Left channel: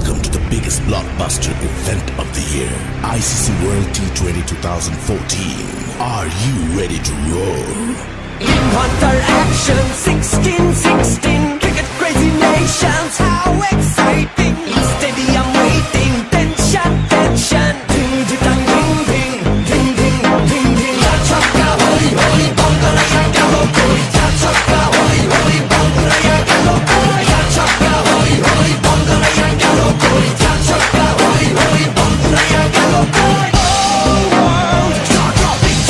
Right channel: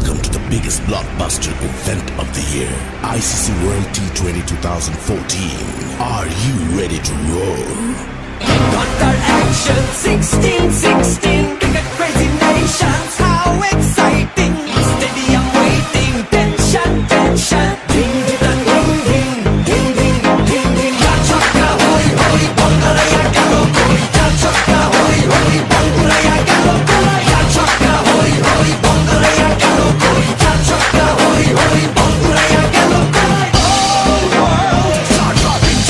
Welcome to the biggest blockbuster event of the year, ICC World T20 2014. Are you ready to roar? Counter action 16-16, cricket crazy nations, how exciting! Stadium waiting, tension, tension. Ding ding ding ding ding ding ding ding. Ya chakka hoi hoi, bangala ya galo koi. Ya chakka hoi hoi, bangala ya galo koi. Ya chakka hoi hoi, bangala ya galo koi. Ya chakka hoi hoi, bangala ya galo koi. All world, jaw dropping,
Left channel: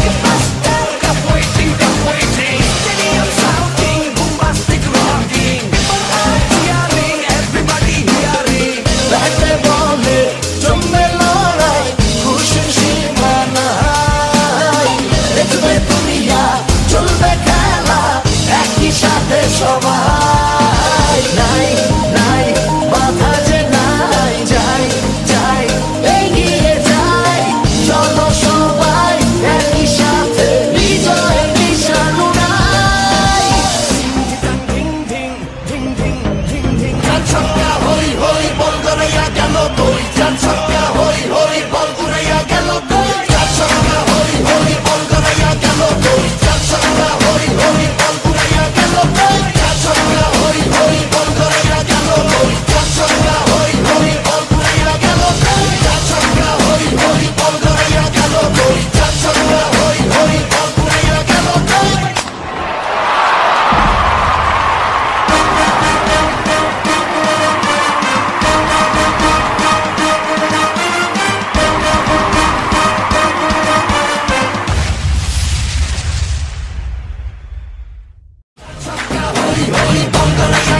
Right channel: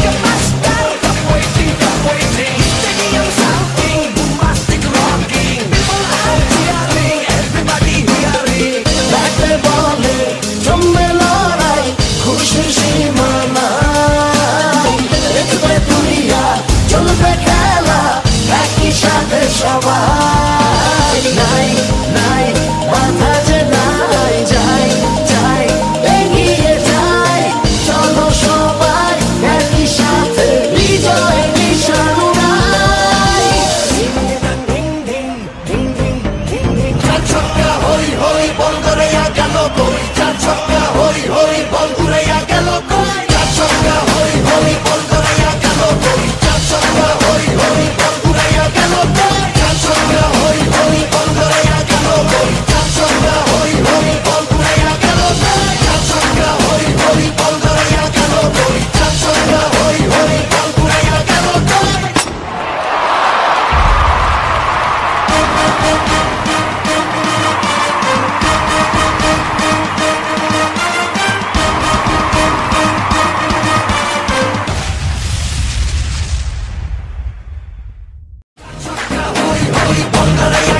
blockbuster, cup waiting, stadium shouting, bombastic rocking. People are cheering, everybody hearing. Like the ball, জমবে লড়াই, খুশির সীমা নাই। দেখবে দুনিয়া, চলবে খেলা, একই সাথে সবাই। নাই নাই মাথা যে নাই, যাই যাই এগিয়ে যাই। চলো সবাই একই সাথে বিজয়ের নিশান উড়াই। ধিং ধিং ধিং ধিং ধিং ধিং। চার ছক্কা হই হই, বল গড়াইয়া গেল কই। চার ছক্কা হই হই, বল উড়াইয়া গেল কই। চার ছক্কা হই হই, বল গড়াইয়া গেল কই। চার ছক্কা হই হই, বল উড়াইয়া গেল কই। চার ছক্কা হই হই, বল গড়াইয়া গেল কই। চার ছক্কা হই হই, বল উড়াইয়া গেল কই। চার ছক্কা হই হই, বল গড়াইয়া গেল কই। চার ছক্কা হই হই, বল উড়াইয়া গেল কই। Chakka hoi hoi, bangala ya